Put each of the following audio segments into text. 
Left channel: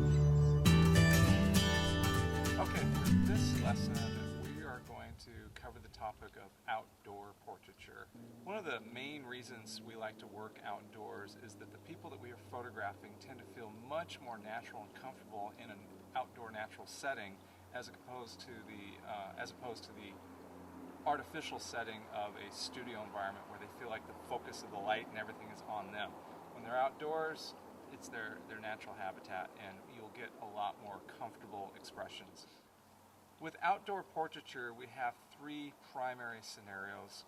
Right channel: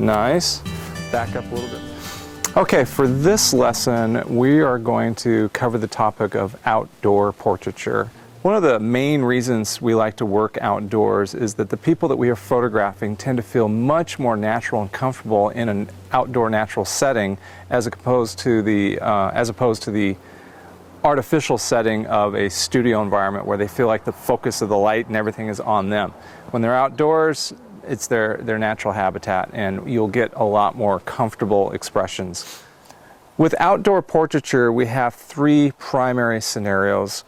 Nice. Back up a little bit. Okay, for this lesson, we are going to cover the topic of outdoor portraiture. One of the main reasons we like to work outdoors is that the people that we are photographing tend to feel much more natural and comfortable in an outdoor natural setting as opposed to the artificial setting of a studio environment where they feel like the focus of the light and everything is on them. When they're outdoors, it's their natural habitat, and you'll get a lot more comfortable expressions. With outdoor portraiture, we have three primary scenarios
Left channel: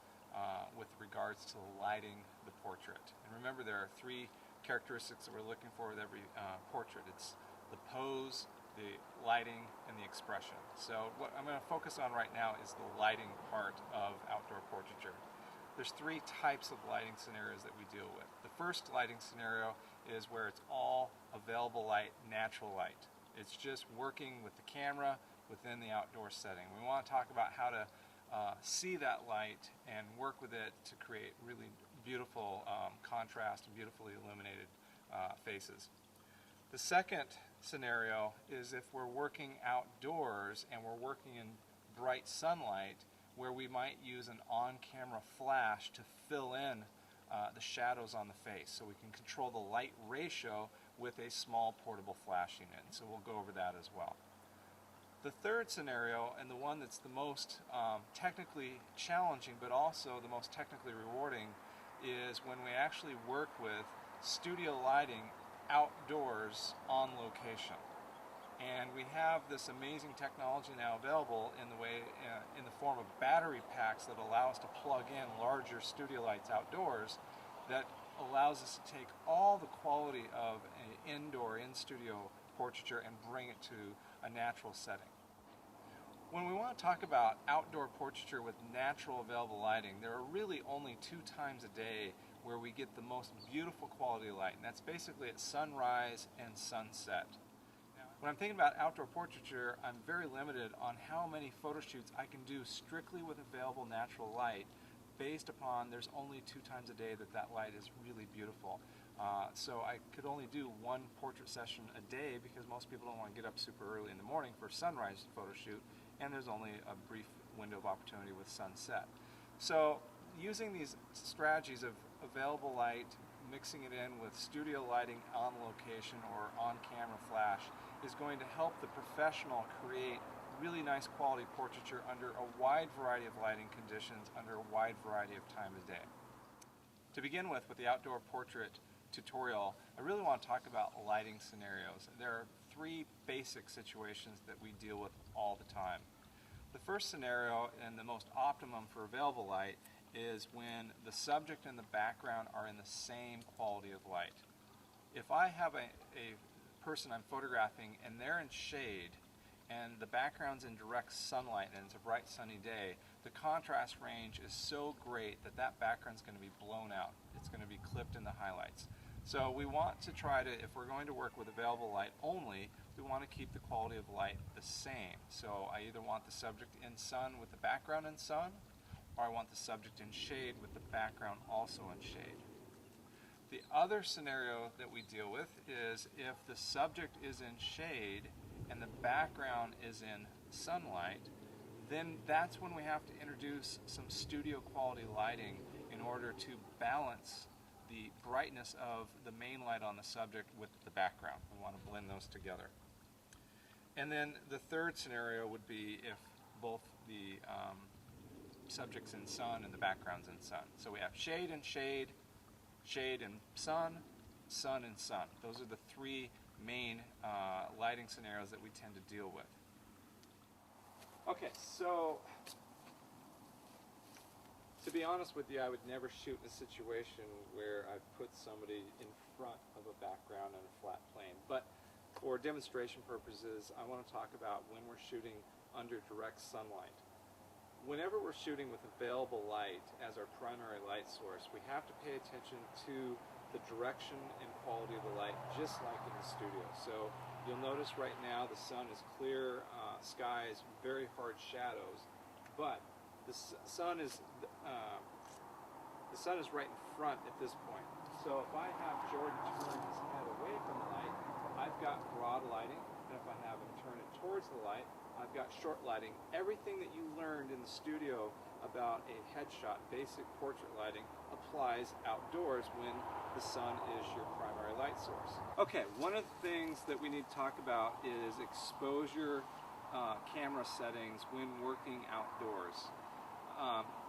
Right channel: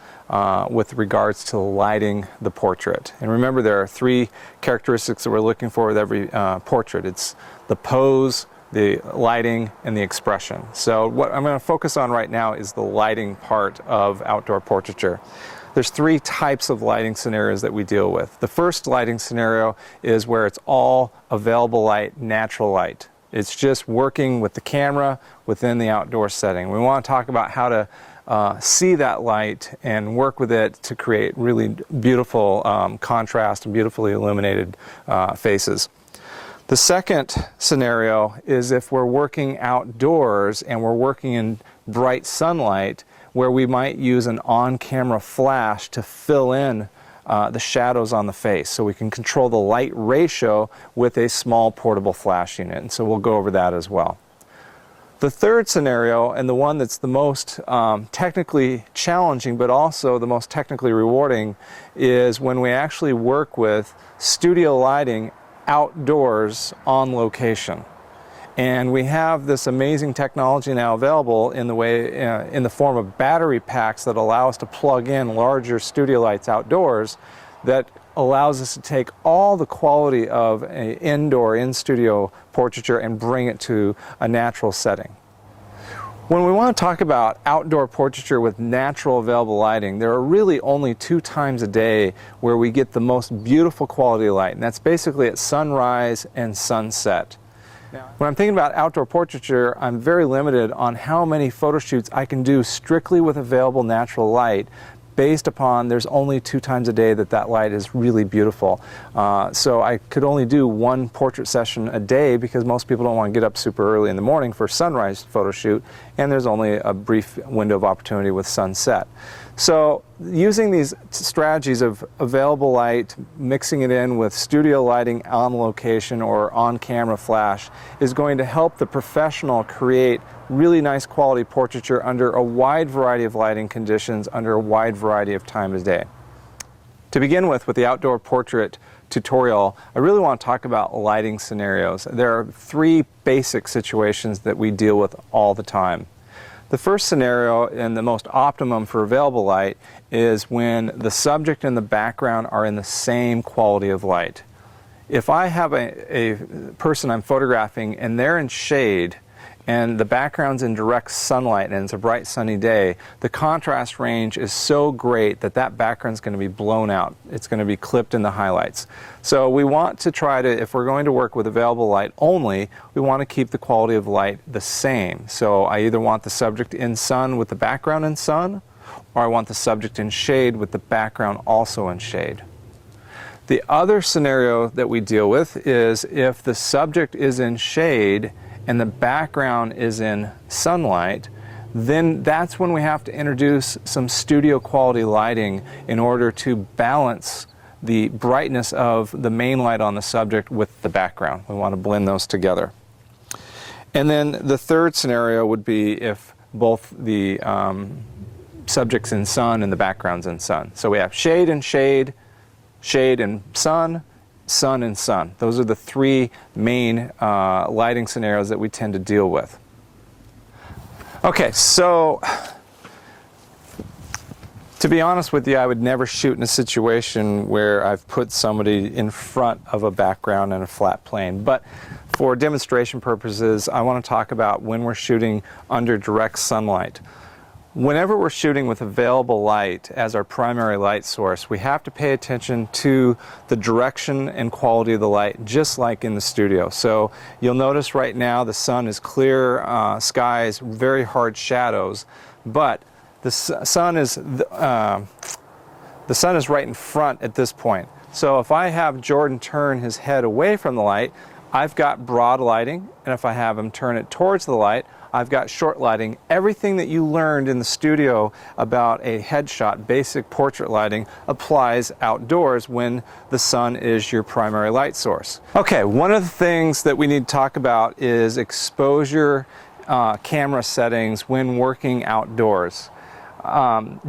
with regards to lighting the portrait. And remember, there are three characteristics that we're looking for with every portrait. It's the pose, the lighting, and the expression. So what I'm going to focus on right now is the lighting part of outdoor portraiture. There's three types of lighting scenarios that we deal with. The first lighting scenario is where it's all available light, natural light. It's just working with the camera within the outdoor setting. We want to talk about how to see that light and work with it to create really beautiful contrast and beautifully illuminated faces. The second scenario is if we're working outdoors and we're working in bright sunlight, where we might use an on-camera flash to fill in the shadows on the face. So we can control the light ratio with a small portable flash unit, and so we'll go over that as well. The third scenario, and the one that's the most technically challenging but also the most technically rewarding, is when we actually work with studio lighting outdoors on location. And we have this amazing technology now available in the form of battery packs that allow us to plug in larger studio lights outdoors that allows us to take all the quality of an indoor, in-studio portraiture and bring it to a natural setting. When we want to talk about outdoor portraiture with natural available lighting, there are really only 2 times a day where we get the most beautiful quality light, and that's basically at sunrise and sunset. When I'm thinking about outdoor portraiture, I'm very limited on how many photo shoots I can do strictly with available natural light, based upon there's only 2 times a day that that light is really beautiful. So I could only do 1 portrait session a day because most people don't want to get up super early in the morning for a sunrise photo shoot, and there's only a brief window of opportunity with sunset. So using these strategies of available light, mixing it in with studio lighting on location or on-camera flash is going to help the professional create really nice quality portraiture under a wide variety of lighting conditions, under a wide variety of time of day. To begin with the outdoor portrait tutorial, I really want to talk about lighting scenarios. There are 3 basic situations that we deal with all the time. The first scenario, and the most optimum for available light, is when the subject and the background are in the same quality of light. If I have a person I'm photographing and they're in shade and the background's in direct sunlight and it's a bright sunny day, the contrast range is so great that that background's going to be blown out. It's going to be clipped in the highlights. So we want to try to, if we're going to work with available light only, we want to keep the quality of light the same. So I either want the subject in sun with the background in sun, or I want the subject in shade with the background also in shade. The other scenario that we deal with is if the subject is in shade and the background is in sunlight, then that's when we have to introduce some studio quality lighting in order to balance the brightness of the main light on the subject with the background. We want to blend those together. And then the third scenario would be if both the subject's in sun and the background's in sun. So we have shade and shade, shade and sun, sun and sun. Those are the 3 main lighting scenarios that we tend to deal with. Okay, so to be honest with you, I would never shoot in a situation where I've put somebody in front of a background and a flat plane. But for demonstration purposes, I want to talk about when we're shooting under direct sunlight. Whenever we're shooting with available light as our primary light source, we have to pay attention to the direction and quality of the light, just like in the studio. So you'll notice right now the sun is clear skies, very hard shadows, but the sun is right in front at this point. So if I have Jordan turn his head away from the light, I've got broad lighting, and if I have them turn it towards the light, I've got short lighting. Everything that you learned in the studio about a headshot, basic portrait lighting, applies outdoors when the sun is your primary light source. Okay, one of the things that we need to talk about is exposure camera settings when working outdoors.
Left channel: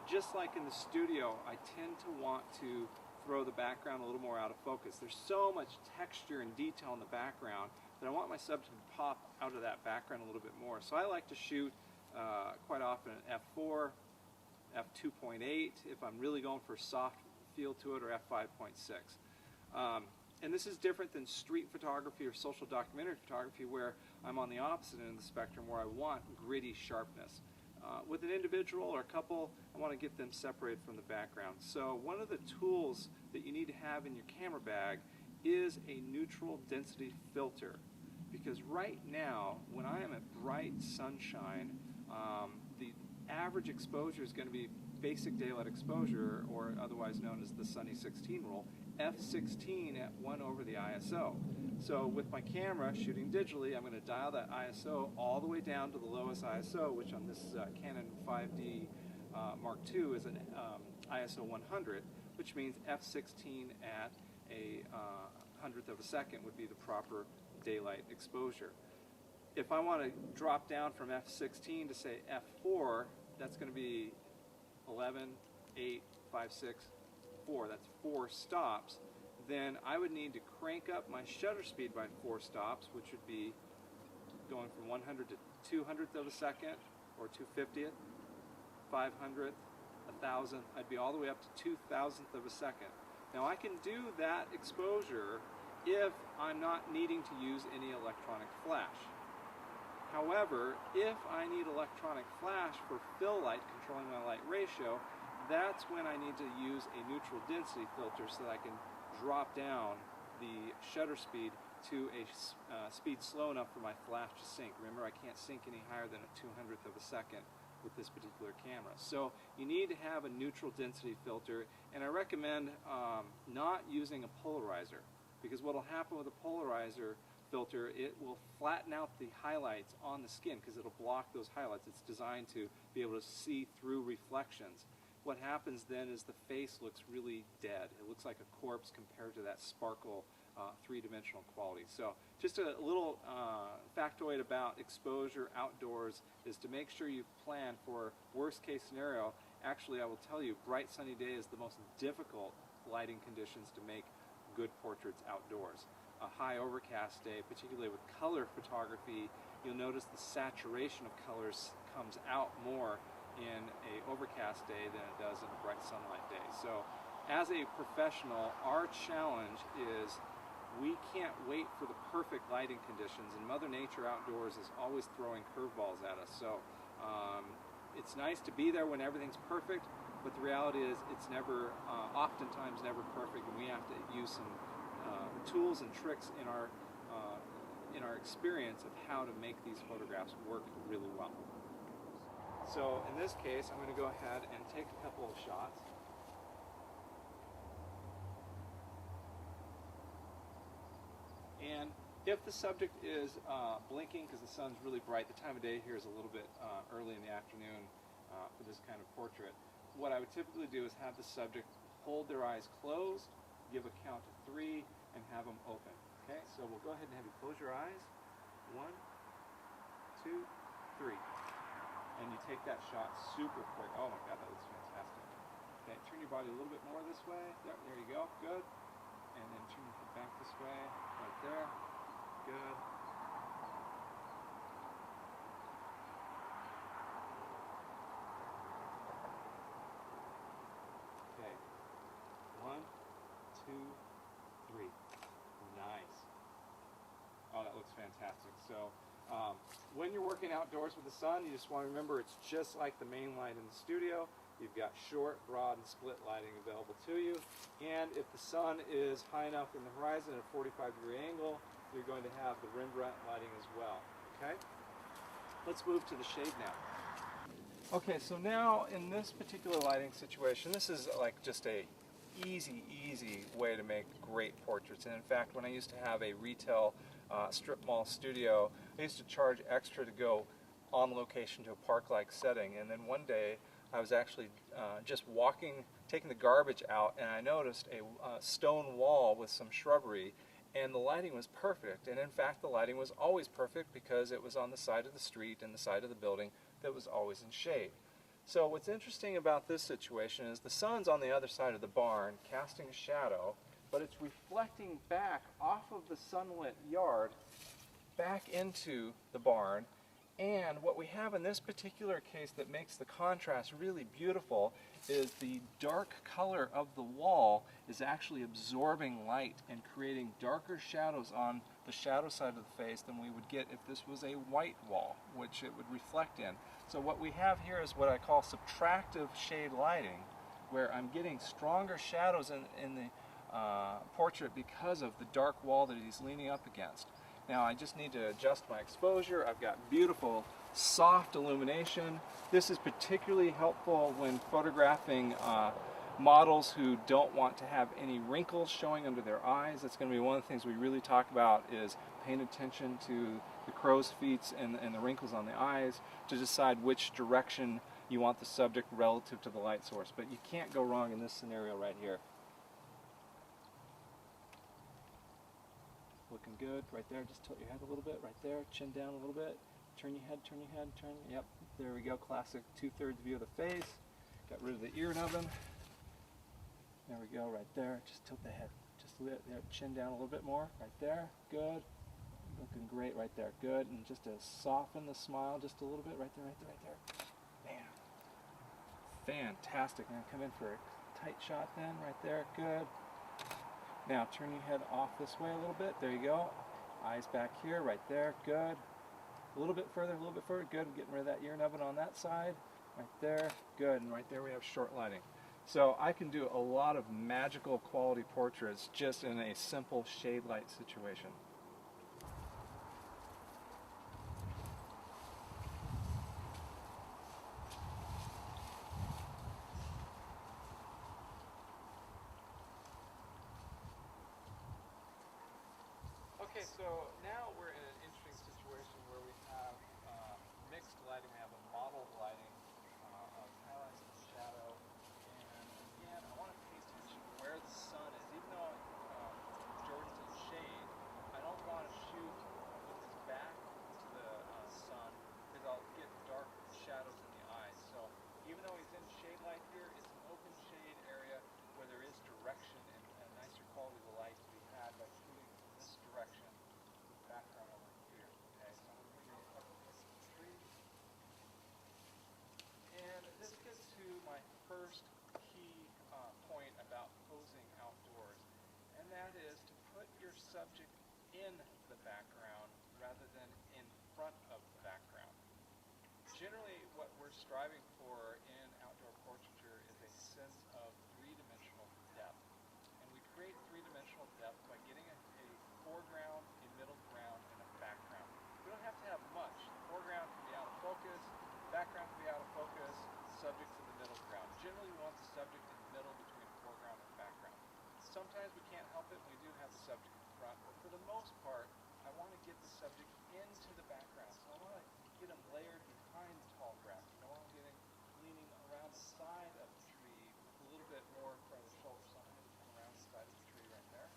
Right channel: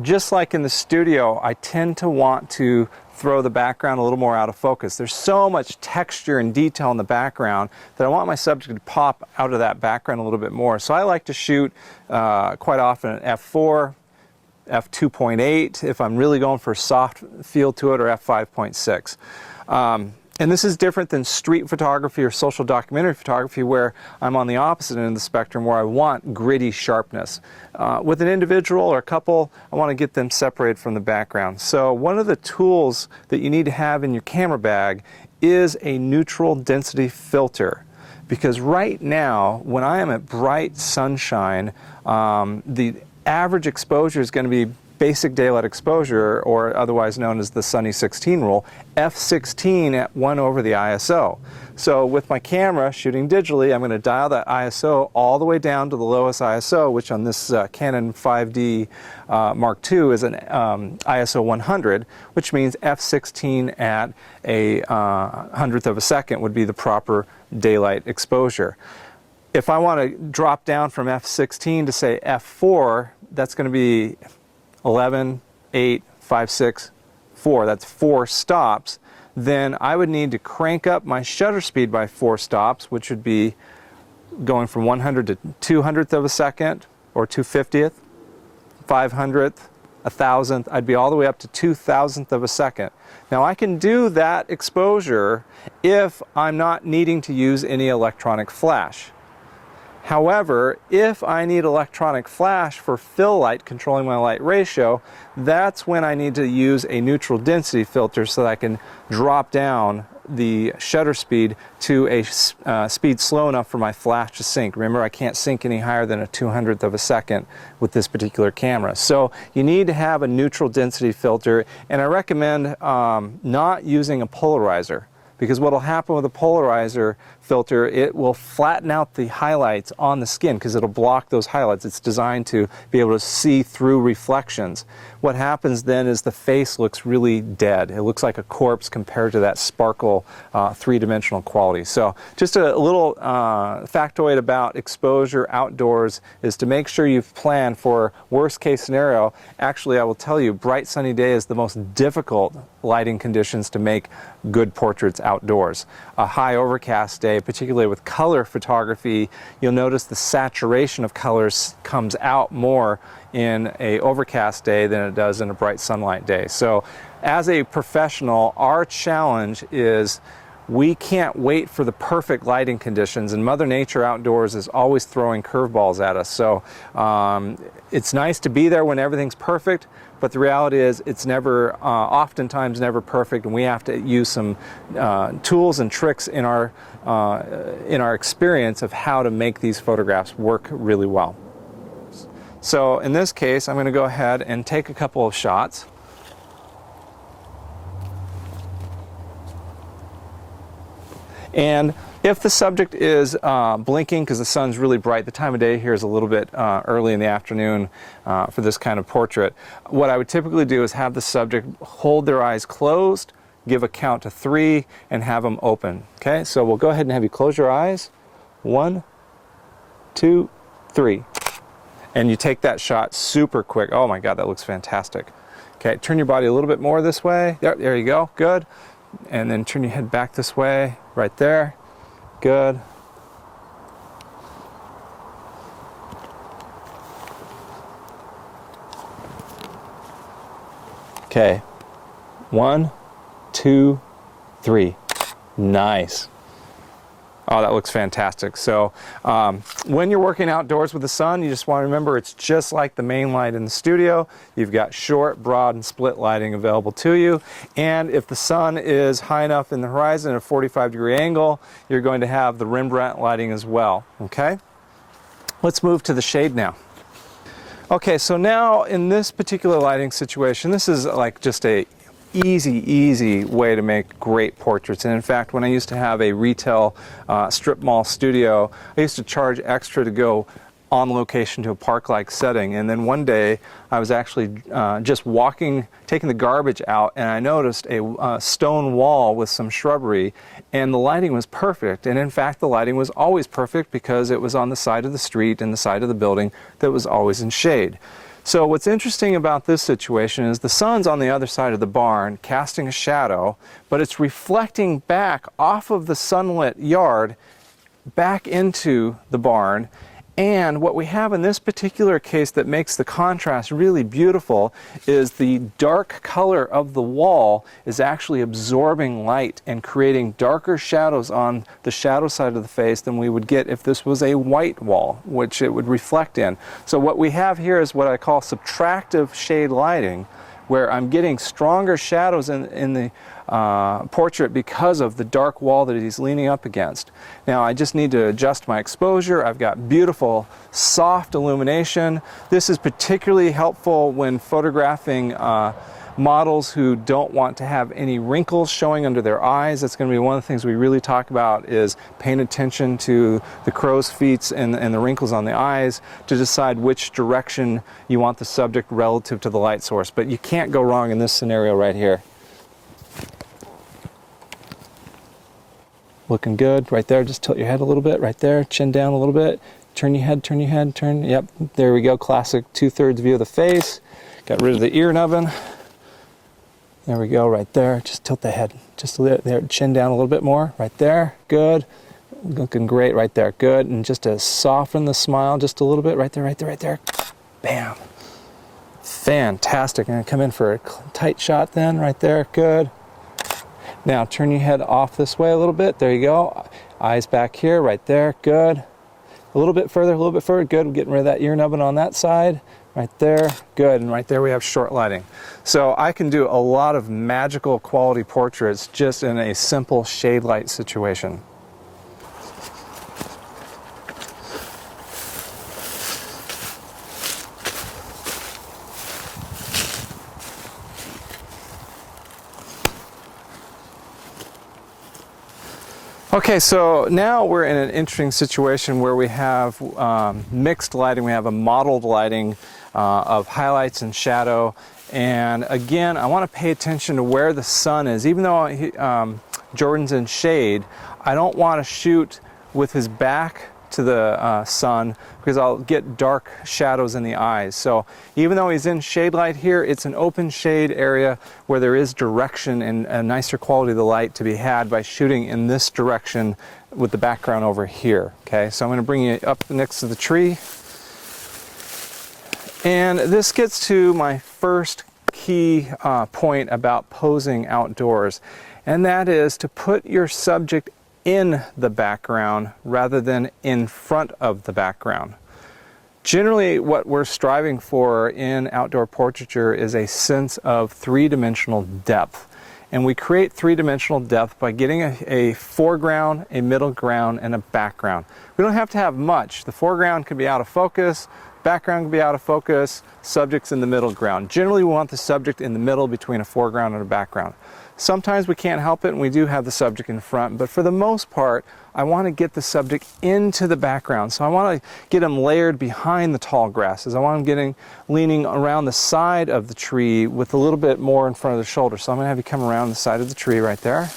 Just like in the studio, I tend to want to throw the background a little more out of focus. There's so much texture and detail in the background that I want my subject to pop out of that background a little bit more. So I like to shoot quite often at f4, f2.8 if I'm really going for a soft feel to it, or f5.6. And this is different than street photography or social documentary photography, where I'm on the opposite end of the spectrum, where I want gritty sharpness. With an individual or a couple, I want to get them separated from the background. So one of the tools that you need to have in your camera bag is a neutral density filter. Because right now, when I am at bright sunshine, the average exposure is going to be basic daylight exposure, or otherwise known as the Sunny 16 rule, f16 at 1 over the ISO. So with my camera shooting digitally, I'm going to dial that ISO all the way down to the lowest ISO, which on this Canon 5D Mark II is an ISO 100, which means f16 at a hundredth of a second would be the proper daylight exposure. If I want to drop down from f16 to say f4, that's going to be 11, 8, 5, 6, 4. That's 4 stops. Then I would need to crank up my shutter speed by 4 stops, which would be going from 100 to 200th of a second, or 250th, 500th, 1,000th. I'd be all the way up to 2,000th of a second. Now I can do that exposure if I'm not needing to use any electronic flash. However, if I need electronic flash for fill light, controlling my light ratio, that's when I need to use a neutral density filter so that I can drop down the shutter speed to a speed slow enough for my flash to sync. Remember, I can't sync any higher than a 200th of a second with this particular camera. So you need to have a neutral density filter, and I recommend not using a polarizer. Because what will happen with a polarizer filter, it will flatten out the highlights on the skin because it'll block those highlights. It's designed to be able to see through reflections. What happens then is the face looks really dead. It looks like a corpse compared to that sparkle three-dimensional quality. So just a little factoid about exposure outdoors is to make sure you've planned for worst case scenario. Actually, I will tell you, bright sunny day is the most difficult lighting conditions to make good portraits outdoors. A high overcast day, particularly with color photography, you'll notice the saturation of colors comes out more in a overcast day than it does in a bright sunlight day. So as a professional, our challenge is we can't wait for the perfect lighting conditions, and Mother Nature outdoors is always throwing curveballs at us. So it's nice to be there when everything's perfect, but the reality is it's never, oftentimes never perfect, and we have to use some tools and tricks in our experience of how to make these photographs work really well. So in this case, I'm going to go ahead and take a couple of shots. And if the subject is blinking because the sun's really bright, the time of day here is a little bit early in the afternoon for this kind of portrait, what I would typically do is have the subject hold their eyes closed, give a count to 3, and have them open. Okay, so we'll go ahead and have you close your eyes. 1, 2, 3. And you take that shot super quick. Oh my God, that looks fantastic. Okay, turn your body a little bit more this way. There you go, good. And then turn your head back this way, right there. Good. Okay, 1, 2, 3. Nice. Oh, that looks fantastic. So when you're working outdoors with the sun, you just want to remember it's just like the main light in the studio. You've got short, broad, and split lighting available to you. And if the sun is high enough in the horizon at a 45-degree angle, you're going to have the Rembrandt lighting as well. Okay? Let's move to the shade now. Okay, so now in this particular lighting situation, this is like just a easy way to make great portraits. And in fact, when I used to have a retail strip mall studio, I used to charge extra to go on location to a park-like setting. And then one day I was actually just walking, taking the garbage out, and I noticed a stone wall with some shrubbery, and the lighting was perfect. And in fact, the lighting was always perfect because it was on the side of the street and the side of the building that was always in shade. So what's interesting about this situation is the sun's on the other side of the barn casting a shadow, but it's reflecting back off of the sunlit yard back into the barn. And what we have in this particular case that makes the contrast really beautiful is the dark color of the wall is actually absorbing light and creating darker shadows on the shadow side of the face than we would get if this was a white wall, which it would reflect in. So what we have here is what I call subtractive shade lighting, where I'm getting stronger shadows in the portrait because of the dark wall that he's leaning up against. Now I just need to adjust my exposure. I've got beautiful soft illumination. This is particularly helpful when photographing models who don't want to have any wrinkles showing under their eyes. That's going to be one of the things we really talk about, is paying attention to the crow's feet and the wrinkles on the eyes to decide which direction you want the subject relative to the light source. But you can't go wrong in this scenario right here. Looking good right there. Just tilt your head a little bit right there, chin down a little bit, turn your head, turn. Yep, there we go. Classic 2/3 view of the face. Got rid of the ear nubbin. There we go, right there. Just tilt the head just a little there, chin down a little bit more right there. Good. Looking great right there. Good. And just to soften the smile just a little bit right there. Bam. Fantastic. I'm going to come in for a tight shot then right there. Good. Now turn your head off this way a little bit. There you go. Eyes back here, right there. Good. A little bit further. Good. We're getting rid of that ear nubbin on that side. Right there. Good. And right there we have short lighting. So I can do a lot of magical quality portraits just in a simple shade light situation. Okay, so now we're in an interesting situation where we have mixed lighting. We have a mottled lighting of highlights and shadow. And again, I want to pay attention to where the sun is. Even though Jordan's in shade, I don't want to shoot with his back to the sun because I'll get dark shadows in the eyes. So even though he's in shade light here, it's an open shade area where there is direction and a nicer quality of the light to be had by shooting in this direction with the background over here. Okay, so I'm going to bring you up next to the tree. And this gets to my first key point about posing outdoors, and that is to put your subject in the background rather than in front of the background. Generally, what we're striving for in outdoor portraiture is a sense of three-dimensional depth. And we create three-dimensional depth by getting a foreground, a middle ground, and a background. We don't have to have much. The foreground can be out of focus, background can be out of focus, subject's in the middle ground. Generally, we want the subject in the middle between a foreground and a background. Sometimes we can't help it and we do have the subject in front, but for the most part, I want to get the subject into the background. So I want to get him layered behind the tall grasses. I want him leaning around the side of the tree with a little bit more in front of the shoulder. So I'm going to have you come around the side of the tree right there.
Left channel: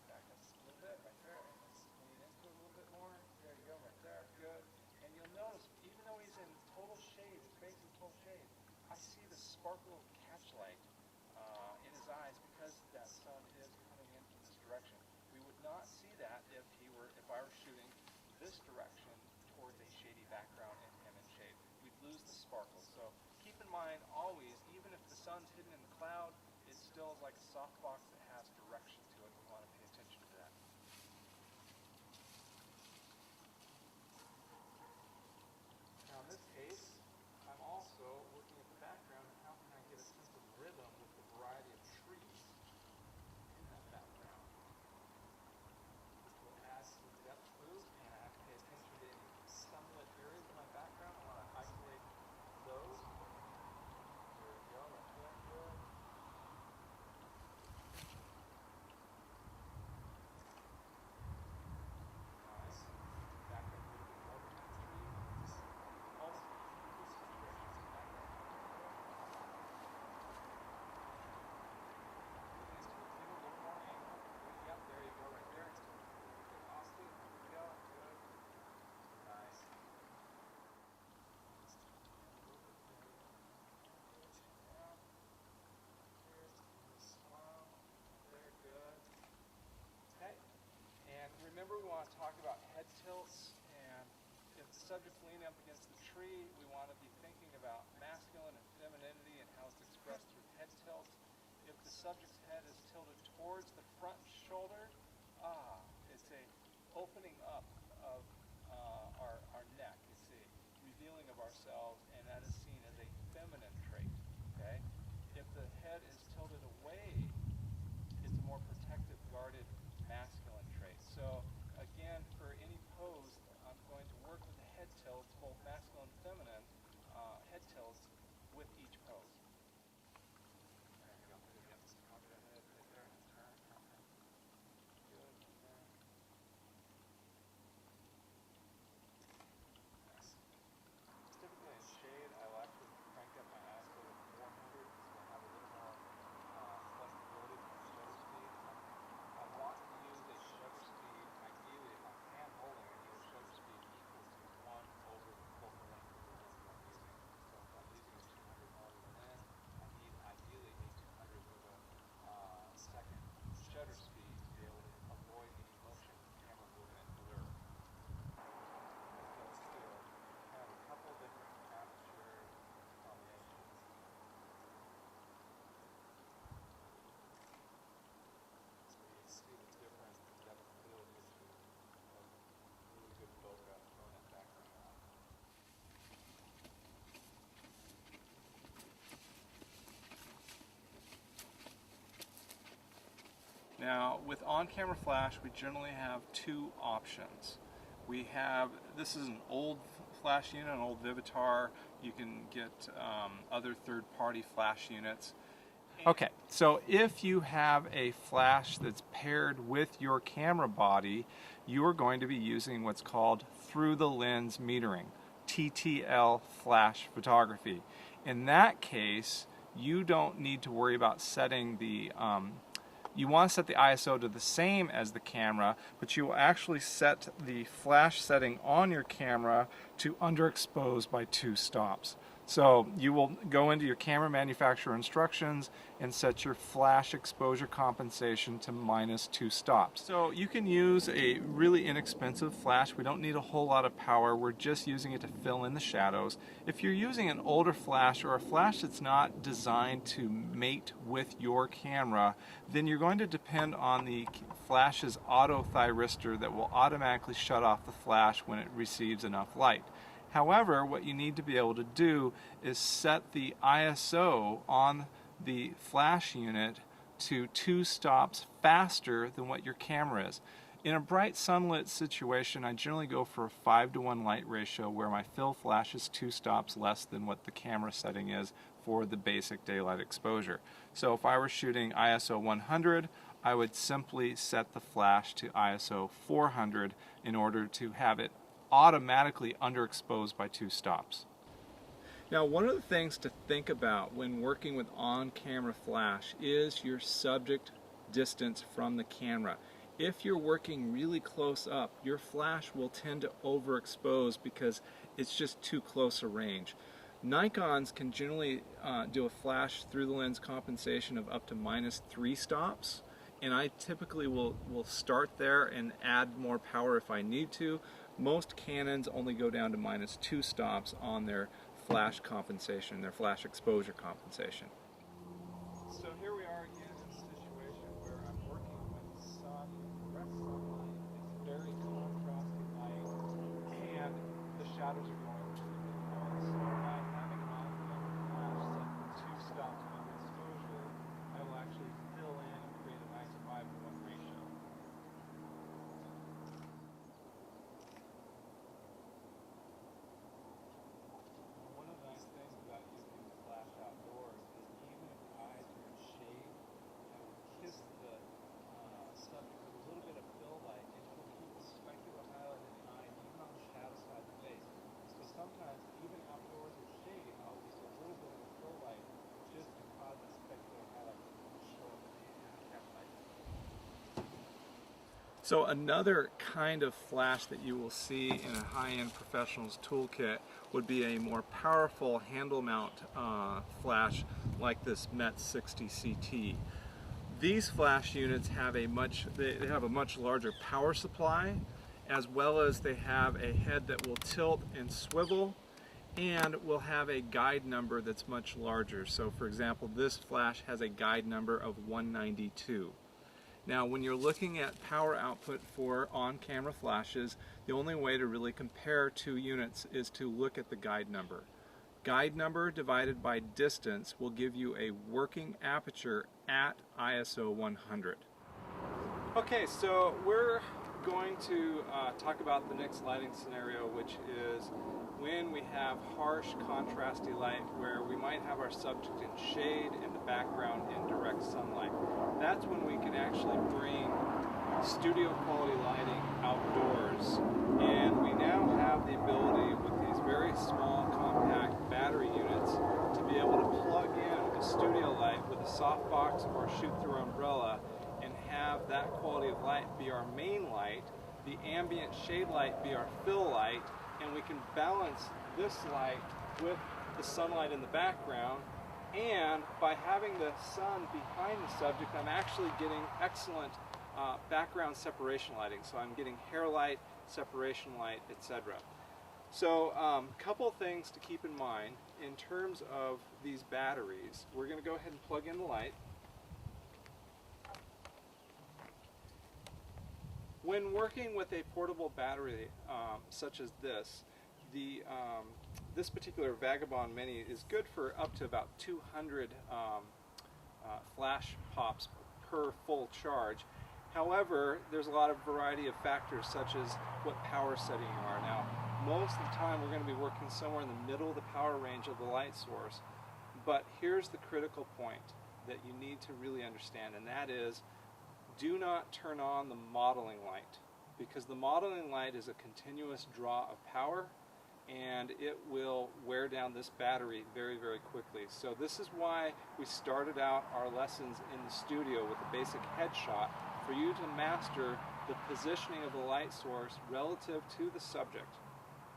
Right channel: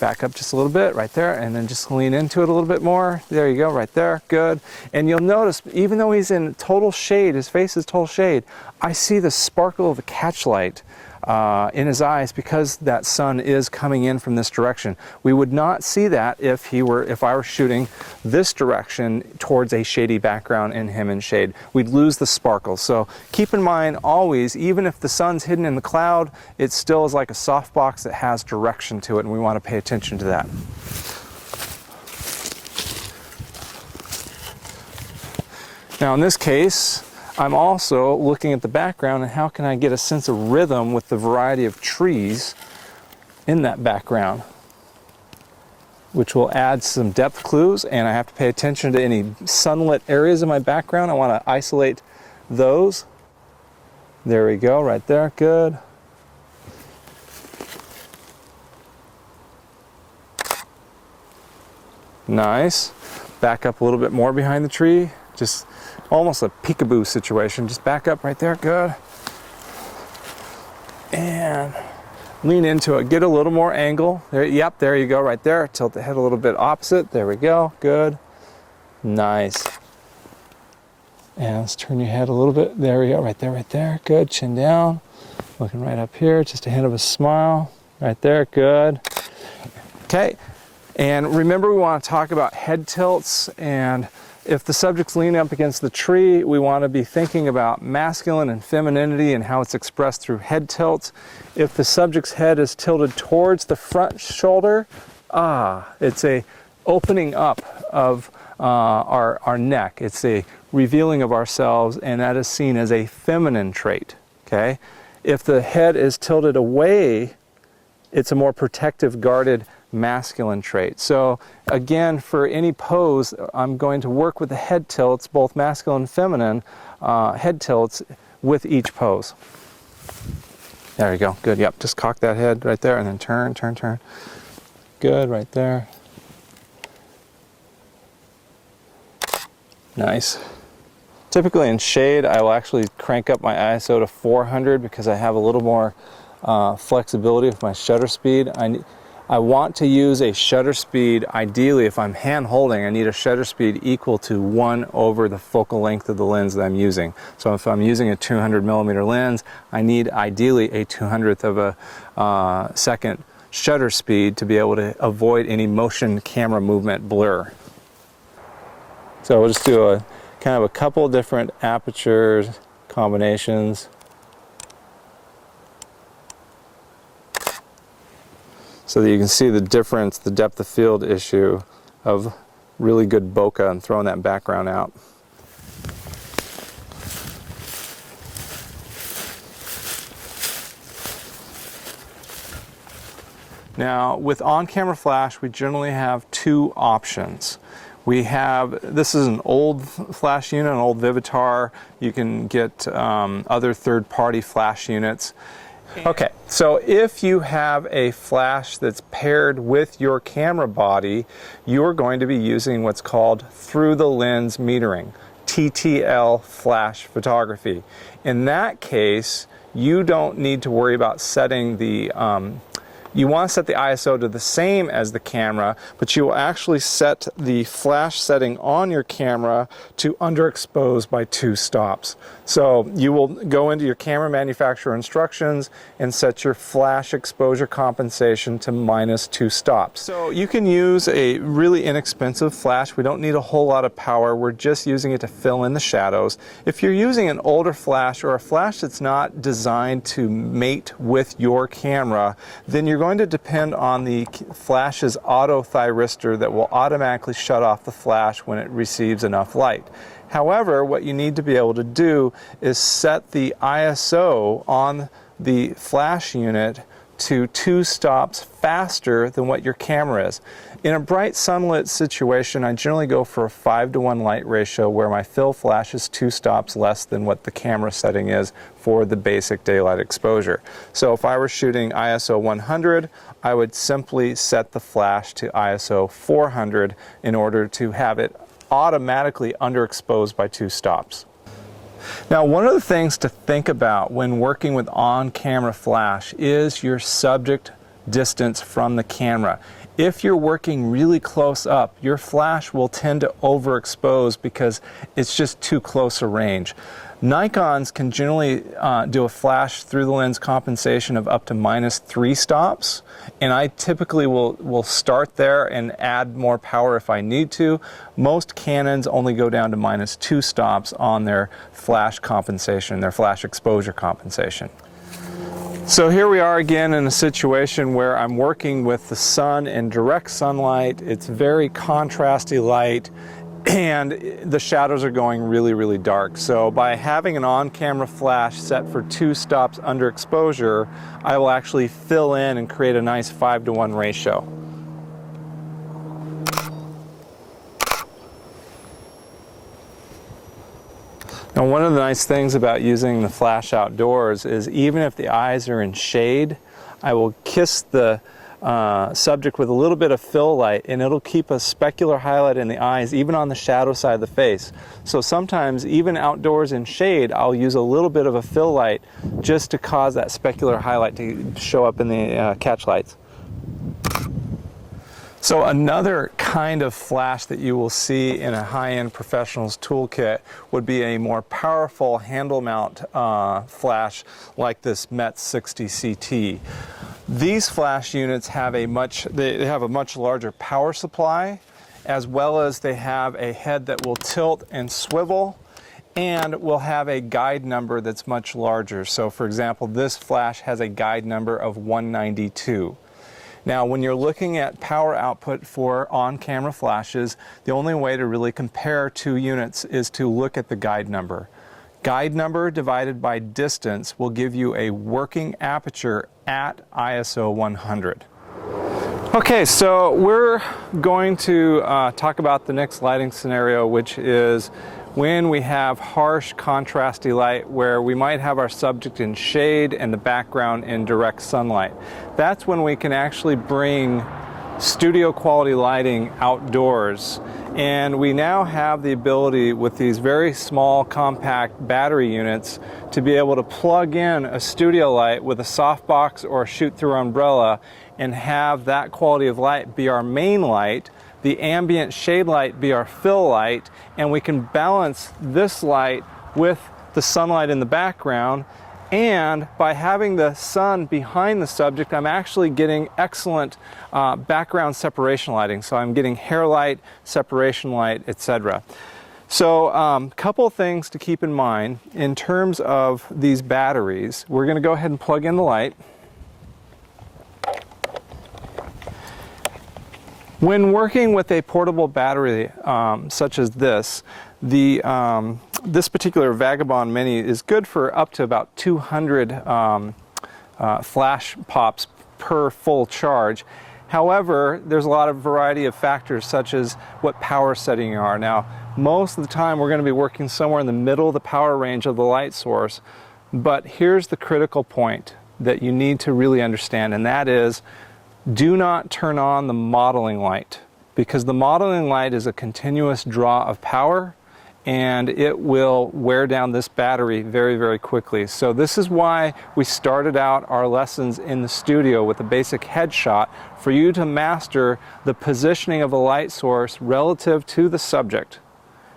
Back up just a little bit right there, and then just lean into it a little bit more. There you go, right there, good. And you'll notice, even though he's in total shade, his face is total shade, I see the sparkle of the catchlight in his eyes because that sun is coming in from this direction. We would not see that if I were shooting this direction towards a shady background and him in shade. We'd lose the sparkle. So keep in mind always, even if the sun's hidden in the cloud, it still is like a softbox that has direction to it, and we want to pay attention to that. Now in this case, I'm also looking at the background and how can I get a sense of rhythm with the variety of trees in that background, which will add some depth clues, and I have to pay attention to any sunlit areas in my background. I want to isolate those. There we go, right there, good. Nice. Back up a little bit more behind the tree. Just almost a peekaboo situation. Just back up right there. Good. And lean into it. Get a little more angle. There, yep, there you go, right there. Tilt the head a little bit opposite. There we go. Good. Nice. And let's turn your head a little bit. There we go, right there, right there. Good. Chin down. Looking right up here. Just a hint of a smile. Right there. Good. Okay. And remember, we want to talk about head tilts, and if the subject's leaning up against the tree, we want to be thinking about masculine and femininity and how it's expressed through head tilts. If the subject's head is tilted towards the front shoulder, it's a opening up of our neck. It's a revealing of ourselves, and that is seen as a feminine trait, okay? If the head is tilted away, it's a more protective, guarded, masculine trait. So again, for any pose, I'm going to work with the head tilts, both masculine and feminine head tilts with each pose. There you go. Good. Yep. Just cock that head right there and then turn, turn, turn. Good. Right there. Nice. Typically in shade, I will actually crank up my ISO to 400 because I have a little more flexibility with my shutter speed. I want to use a shutter speed, ideally if I'm hand holding, I need a shutter speed equal to 1 over the focal length of the lens that I'm using. So if I'm using a 200mm lens, I need ideally a 200th of a second shutter speed to be able to avoid any motion camera movement blur. So we'll just do a kind of a couple different apertures, combinations. So that you can see the difference, the depth of field issue of really good bokeh and throwing that background out. Now, with on-camera flash, we generally have two options. We have, this is an old flash unit, an old Vivitar. You can get other third-party flash units. Okay, so if you have a flash that's paired with your camera body, you're going to be using what's called through the lens metering, TTL flash photography. In that case, you don't need to worry about setting the you want to set the ISO to the same as the camera, but you will actually set the flash setting on your camera to underexpose by 2 stops. So you will go into your camera manufacturer instructions and set your flash exposure compensation to -2 stops. So you can use a really inexpensive flash. We don't need a whole lot of power. We're just using it to fill in the shadows. If you're using an older flash or a flash that's not designed to mate with your camera, then you're going to depend on the flash's auto thyristor that will automatically shut off the flash when it receives enough light. However, what you need to be able to do is set the ISO on the flash unit to 2 stops faster than what your camera is. In a bright sunlit situation, I generally go for a 5:1 light ratio where my fill flash is 2 stops less than what the camera setting is for the basic daylight exposure. So if I were shooting ISO 100, I would simply set the flash to ISO 400 in order to have it automatically underexposed by 2 stops. Now, one of the things to think about when working with on-camera flash is your subject distance from the camera. If you're working really close up, your flash will tend to overexpose because it's just too close a range. Nikons can generally do a flash through the lens compensation of up to -3 stops, and I typically will start there and add more power if I need to. Most Canons only go down to -2 stops on their flash compensation, their flash exposure compensation. So here we are again in a situation where I'm working with the sun in direct sunlight. It's very contrasty light, and the shadows are going really, really dark. So by having an on-camera flash set for 2 stops under exposure, I will actually fill in and create a nice 5:1 ratio. Now, one of the nice things about using the flash outdoors is even if the eyes are in shade, I will kiss the subject with a little bit of fill light, and it'll keep a specular highlight in the eyes, even on the shadow side of the face. So sometimes, even outdoors in shade, I'll use a little bit of a fill light just to cause that specular highlight to show up in the catch lights. So another kind of flash that you will see in a high-end professional's toolkit would be a more powerful handle mount flash like this MET 60 CT. These flash units have a much larger power supply, as well as they have a head that will tilt and swivel, and will have a guide number that's much larger. So for example, this flash has a guide number of 192. Now, when you're looking at power output for on-camera flashes, the only way to really compare two units is to look at the guide number. Guide number divided by distance will give you a working aperture at ISO 100. Okay, so we're going to talk about the next lighting scenario, which is when we have harsh contrasty light where we might have our subject in shade and the background in direct sunlight. That's when we can actually bring studio quality lighting outdoors, and we now have the ability with these very small compact battery units to be able to plug in a studio light with a softbox or a shoot-through umbrella and have that quality of light be our main light, the ambient shade light be our fill light, and we can balance this light with the sunlight in the background. And by having the sun behind the subject, I'm actually getting excellent background separation lighting. So I'm getting hair light, separation light, etc. So couple things to keep in mind in terms of these batteries. We're going to go ahead and plug in the light. When working with a portable battery such as this, this particular Vagabond Mini is good for up to about 200 flash pops per full charge. However, there's a lot of variety of factors such as what power setting you are. Now, most of the time we're going to be working somewhere in the middle of the power range of the light source, but here's the critical point that you need to really understand, and that is, do not turn on the modeling light, because the modeling light is a continuous draw of power and it will wear down this battery very, very quickly. So this is why we started out our lessons in the studio with a basic headshot, for you to master the positioning of a light source relative to the subject,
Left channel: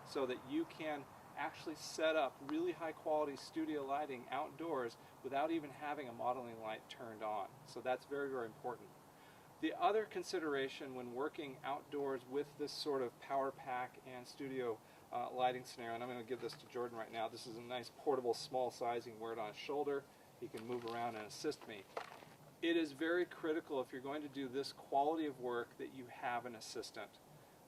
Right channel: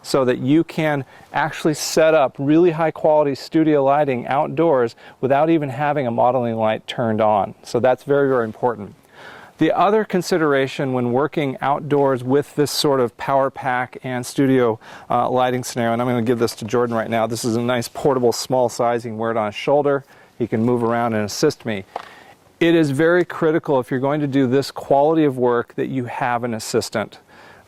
so that you can actually set up really high quality studio lighting outdoors without even having a modeling light turned on. So that's very, very important. The other consideration when working outdoors with this sort of power pack and studio lighting scenario, and I'm going to give this to Jordan right now. This is a nice portable small size. He can wear it on his shoulder. He can move around and assist me. It is very critical, if you're going to do this quality of work, that you have an assistant.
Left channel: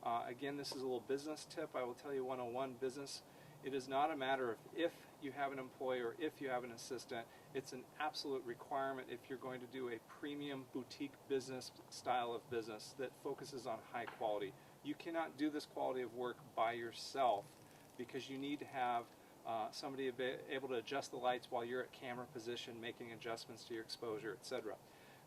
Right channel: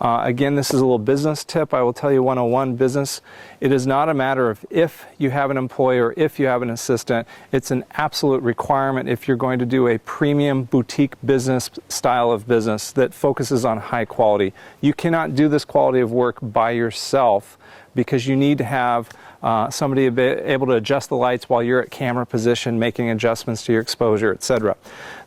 Again, this is a little business tip. I will tell you 101 business. It is not a matter of if you have an employee or if you have an assistant. It's an absolute requirement if you're going to do a premium boutique business style of business that focuses on high quality. You cannot do this quality of work by yourself, because you need to have somebody able to adjust the lights while you're at camera position, making adjustments to your exposure, etc.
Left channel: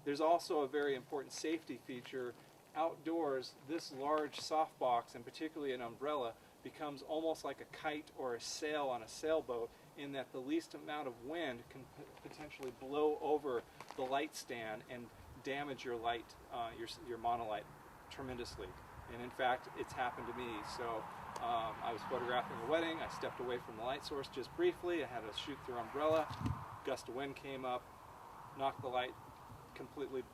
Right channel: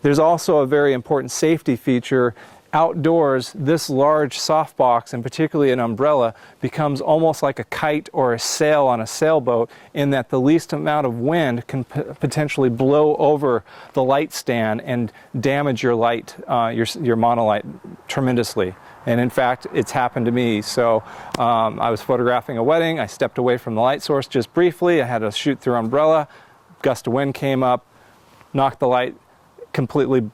There's also a very important safety feature. Outdoors, this large softbox, and particularly an umbrella, becomes almost like a kite or a sail on a sailboat, in that the least amount of wind can potentially blow over the light stand and damage your light, your monolight tremendously. And in fact, it's happened to me. So I was photographing a wedding. I stepped away from the light source just briefly. I had a shoot-through umbrella. Gust of wind came up, knocked the light, completely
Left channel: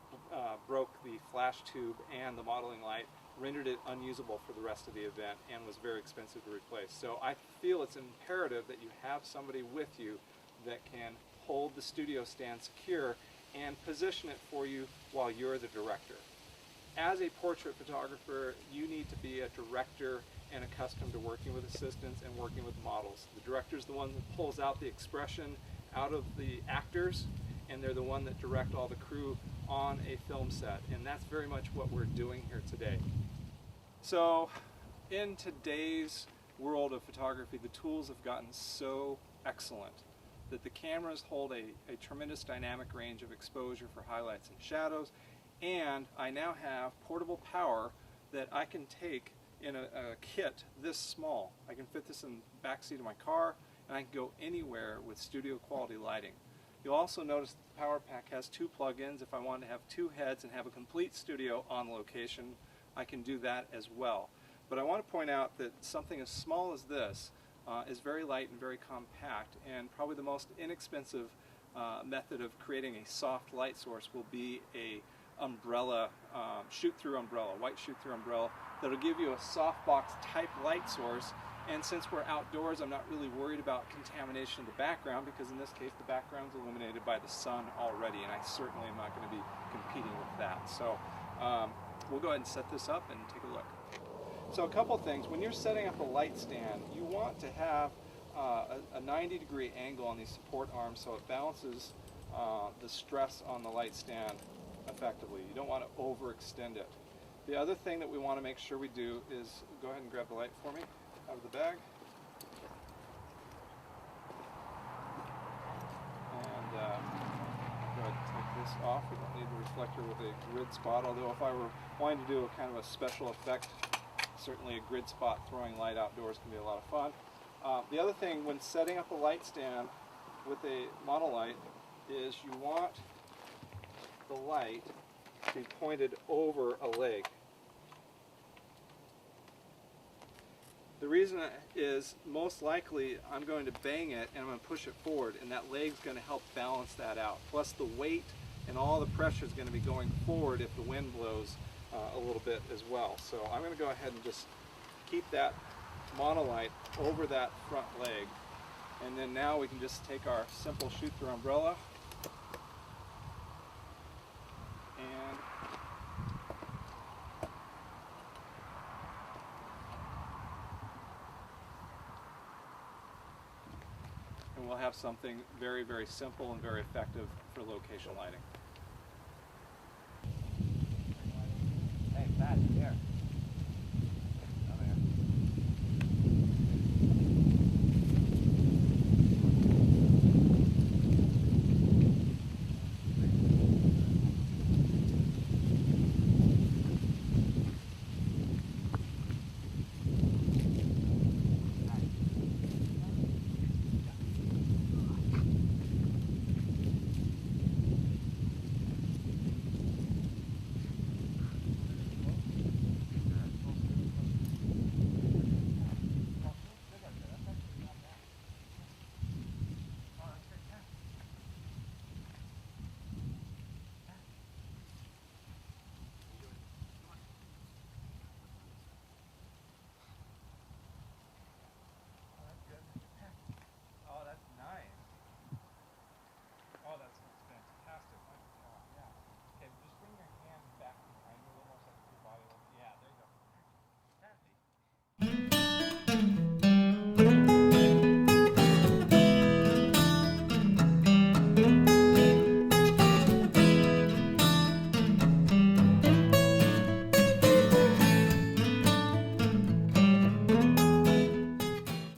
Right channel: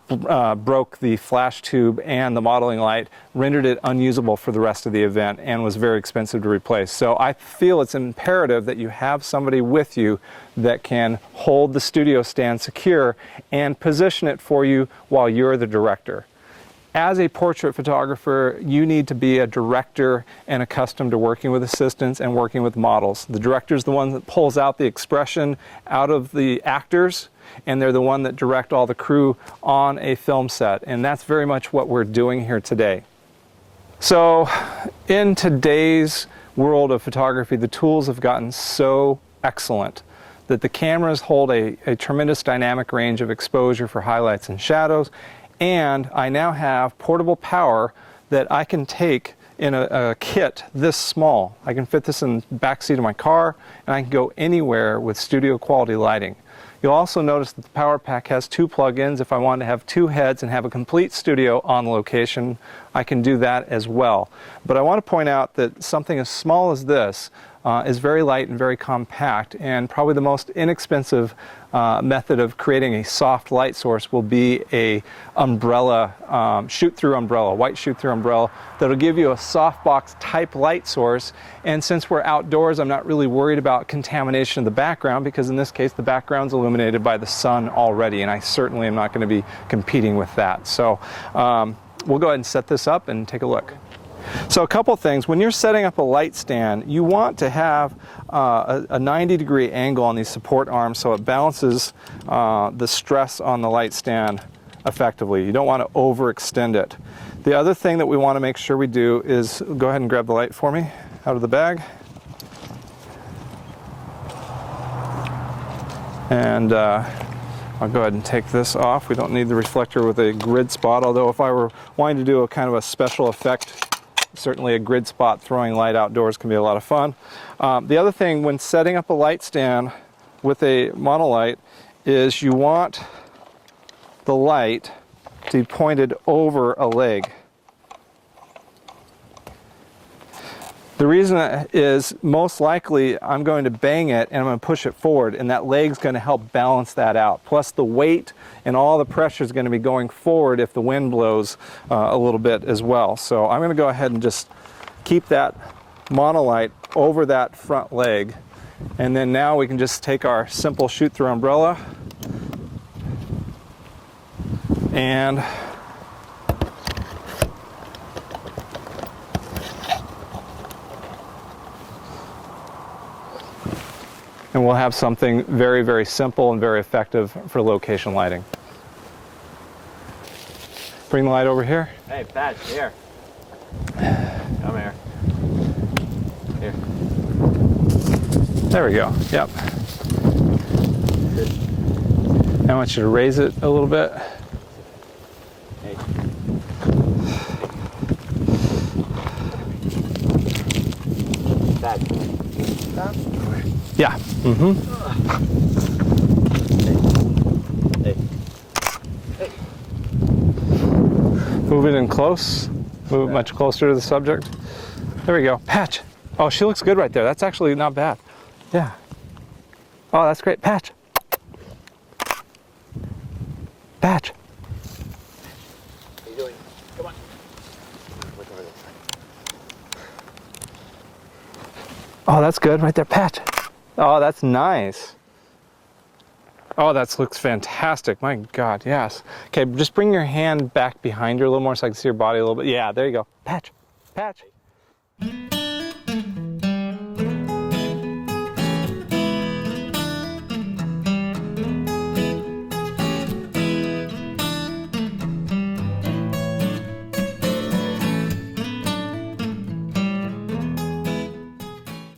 broke the flash tube and the modeling light, rendered it unusable for the rest of the event, and was very expensive to replace. So I feel it's imperative that you have somebody with you that can hold the studio stand secure and position it for you while you're the director. As a portrait photographer, you need to be a director and accustomed to working with assistants and working with models. The director is the one that pulls out the expression out of the actors, and they're the one that direct all the crew on a film set. And that's very much what we're doing here today. So in today's world of photography, the tools have gotten so excellent that the cameras hold a tremendous dynamic range of exposure for highlights and shadows, and I now have portable power that I can take in a kit this small. I can fit this in the back seat of my car, and I can go anywhere with studio quality lighting. You'll also notice that the power pack has 2 plug-ins. If I want to have 2 heads and have a complete studio on location, I can do that as well. But I want to point out that something as small as this is very light and very compact, and probably the most inexpensive method of creating a soft light source will be a umbrella, shoot-through umbrella, white shoot-through umbrella that'll give you a softbox type light source. And since we're outdoors, I'm not really worried about contamination of the background, because in this case the background's illuminated by the sun already, and I certainly am not going to be competing with that. So we'll go ahead and set this up and take a look. So a couple things. When you're setting up a light stand, you want to have a 90-degree angle on these support arms so it balances the stress on the light stand effectively. You don't want to overextend it. The other thing that we want to make sure we do is go ahead and grab the light for me out of the bag. And I'll go ahead and take this off. We don't need the reflector with a grid spot, although if I were wanting to do a kind of a special effect, certainly a grid spot throwing light outdoors can be a lot of fun. The other thing when setting up a light stand with a monolight is you want the light to be pointed over a leg. The reason is most likely I'm going to bang it and I'm going to push it forward, and that leg's going to help balance that out. Plus the weight and all the pressure is going to be going forward if the wind blows a little bit as well. So I'm going to go ahead and just keep that monolight over that front leg, and then now we can just take our simple shoot-through umbrella and we'll have something very, very simple and very effective for location lighting. Bring the light over here. Hey, Pat, here. Come here. Here. There we go. Yep. I want you to raise it a little bit. Hey. Pat. Stop. Yeah. Mm-hmm. Hey. Hey. Move it in close. Move it much closer to the subject. There we go. Patch. Oh, she looks good right there. That's actually not bad. Yeah. Oh, that's great. Patch. Patch. What are you doing? Come on. Look over this. Oh, that's good right there. Patch. Oh, that's nice. Oh, that looks fantastic. My God, yes. Okay, just bring your hand back behind you a little more so I can see your body a little bit. Yeah, there you go. Patch. Patch.